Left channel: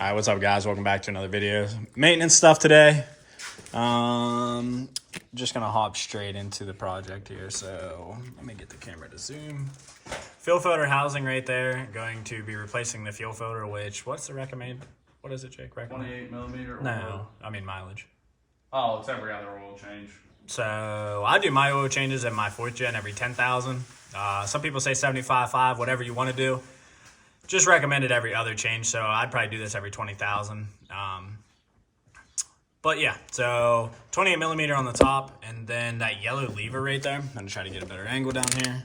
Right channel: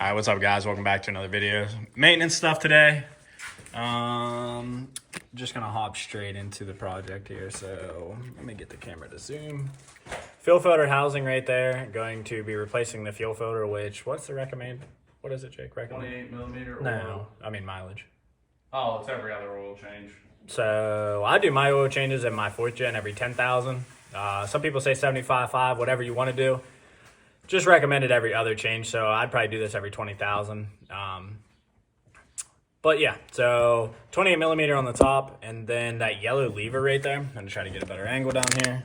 All right, what's up, guys? Welcome back to another video. Maintenance stuff today. Just gonna hop straight into the project here. So let me get the camera to zoom. Fuel filter housing right there. Going to be replacing the fuel filter, which, what's the recommend? What is it, Jake? Recommend? 28 millimeter? No, I mean mileage. Oh, it's every other oil change. So I do my oil changes in my 4th gen every 10,000. Some people say 75.5, whatever you want to do. Just recommended every other change, so I'd probably do this every 20,000. But yeah, so 28 millimeter on the top, and then that yellow lever right there. I'm gonna try to get a better angle down here.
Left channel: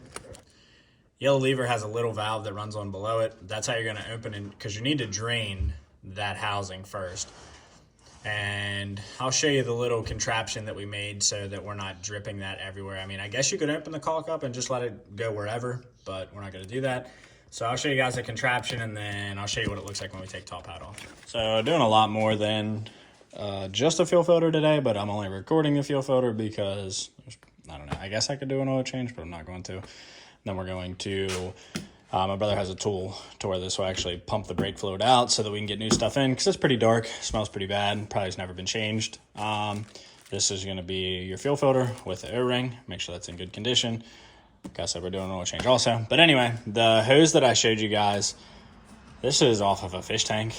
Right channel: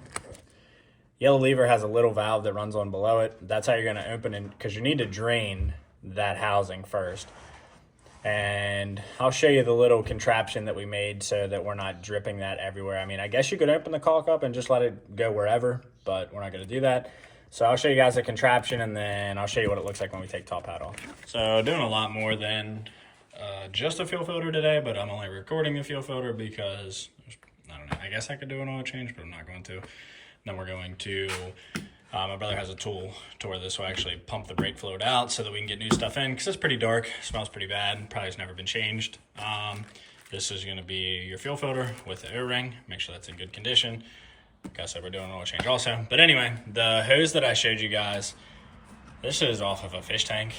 Yellow lever has a little valve that runs on below it. That's how you're gonna open it, because you need to drain that housing first. And I'll show you the little contraption that we made so that we're not dripping that everywhere. I mean, I guess you could open the caulk up and just let it go wherever, but we're not gonna do that. So I'll show you guys the contraption, and then I'll show you what it looks like when we take top hat off. So doing a lot more than just a fuel filter today, but I'm only recording the fuel filter because, I don't know, I guess I could do an oil change, but I'm not going to. Then we're going to, my brother has a tool to where this will actually pump the brake fluid out so that we can get new stuff in, because it's pretty dark, smells pretty bad, probably has never been changed. This is gonna be your fuel filter with the O-ring, make sure that's in good condition. Like I said, we're doing an oil change also. But anyway, the hose that I showed you guys, this is off of a fish tank.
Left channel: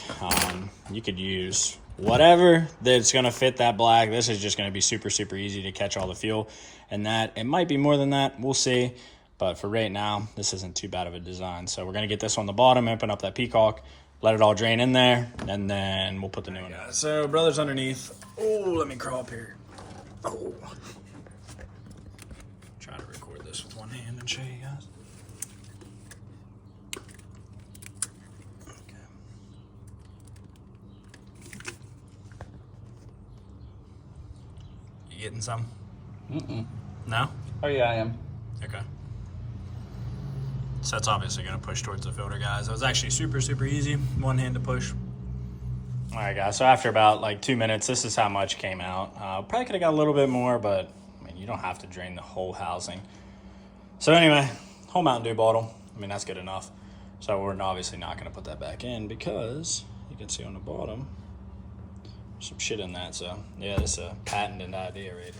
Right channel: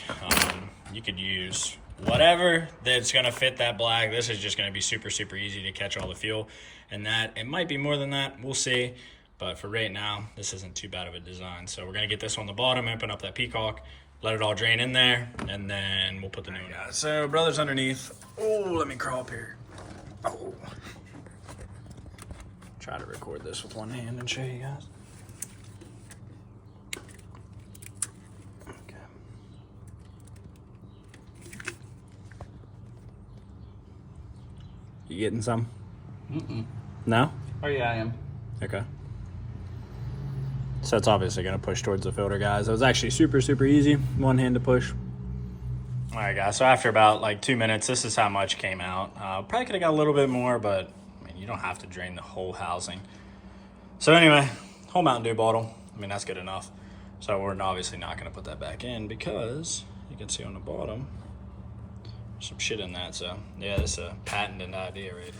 You could use whatever that's gonna fit that black. This is just gonna be super, super easy to catch all the fuel. And that, it might be more than that, we'll see. But for right now, this isn't too bad of a design. So we're gonna get this on the bottom, open up that peacock, let it all drain in there, and then we'll put the new one in. So brother's underneath. Oh, let me crawl up here. Oh. Try to record this with one hand and show you guys. You getting some? No? Oh yeah, I am. Okay. So it's obviously gonna push towards the filter, guys. It was actually super, super easy. One hand to push. All right, guys, so after about like 2 minutes, this is how much came out. Probably could have got a little bit more, but you don't have to drain the whole housing. So anyway, whole Mountain Dew bottle. I mean, that's good enough. So we're obviously not gonna put that back in because you can see on the bottom, there's some shit in that. So yeah, this is a patented idea right here.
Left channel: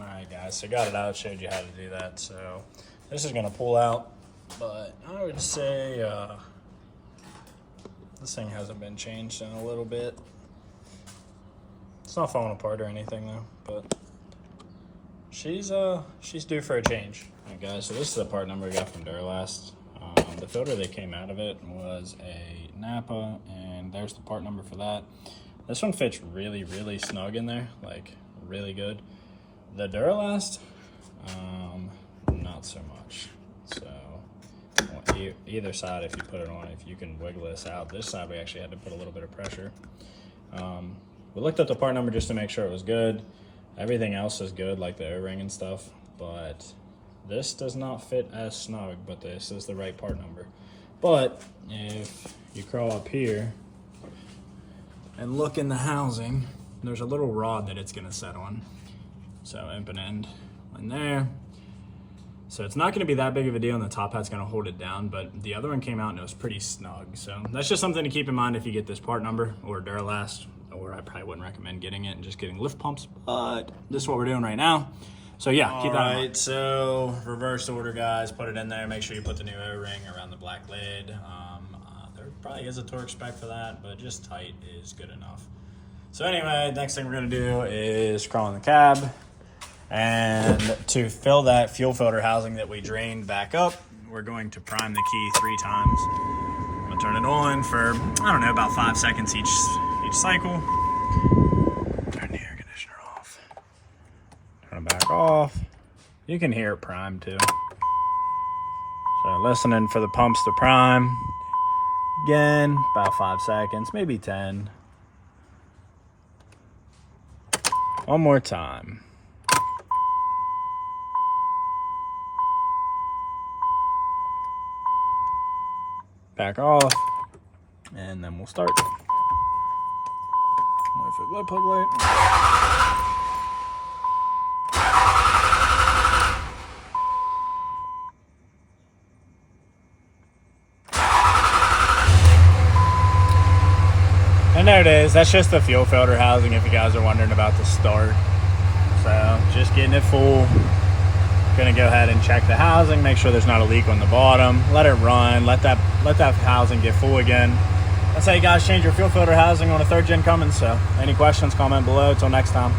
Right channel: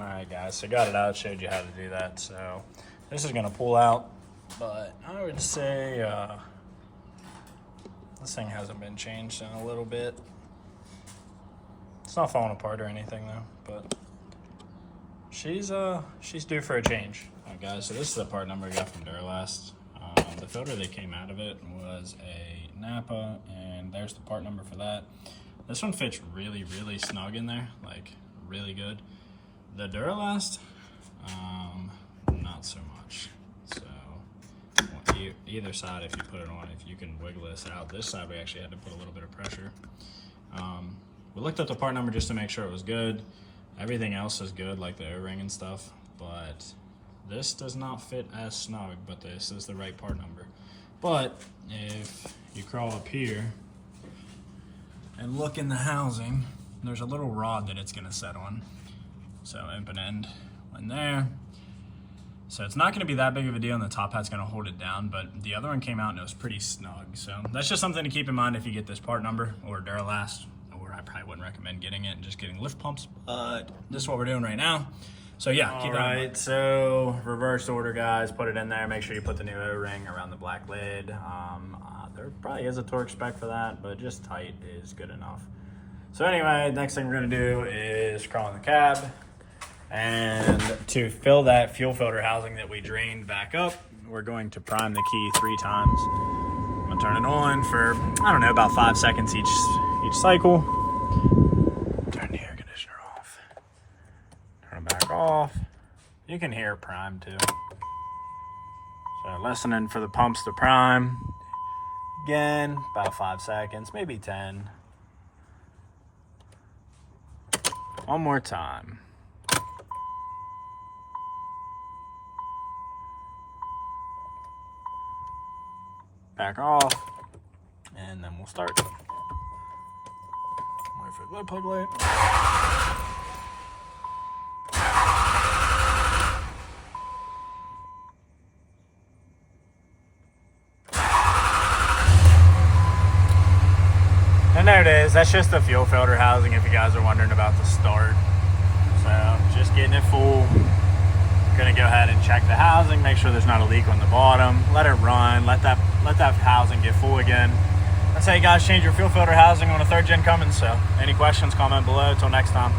Alright guys, so got it out, showed you how to do that. So this is gonna pull out, but I would say this thing hasn't been changed in a little bit. It's not falling apart or anything though, but she's due for a change. Alright guys, so this is the part number we got from Duralast. The filter that came out of it was a Napa, and there's the part number for that. This one fits really, really snug in there, like really good. The Duralast, not so much. So either side, if you put it on, if you can wiggle this out. This side, we actually had to put a little bit of pressure. We looked at the part number just to make sure it was good. Everything else is good, like the O-ring and stuff, but this does not fit as snug, but this is the right part number. But if you crawl up here and look in the housing, there's a little rod that it's gonna set on. So open end in there. So it's not gonna be that big of a deal, and the top hat's gonna hold it down, but the other one came out and it was pretty snug. So that's just something to keep in mind if you get this part number or Duralast, or I probably wouldn't recommend getting it and just getting lift pumps, but this is what we're doing right now. So yeah, keep that in mind. So reverse order, guys, put it in there. Make sure you put the new O-ring around the black lid. There probably is a torque spec for that, but just tight is good enough. So anyway, next thing we're gonna do is crawl in the cab. And to fill that fuel filter housing that we drained back up, we're going to prime the key 3 times. I'm gonna turn it on for, I don't know, about 5 seconds each cycle. Turn the air conditioner off. Turn it back off. You can hear it prime too. So listening for the pumps to prime. Again, about 5 seconds, maybe 10. One more time. Back off, and then we'll start. Wait for the plug light. And there it is. That's just the fuel filter housing if you guys are wondering about the start. So just getting it full. Gonna go ahead and check the housing, make sure there's not a leak on the bottom, let it run, let that housing get full again. That's how you guys change your fuel filter housing on a 3rd gen Cummins. So any questions, comment below. Till next time.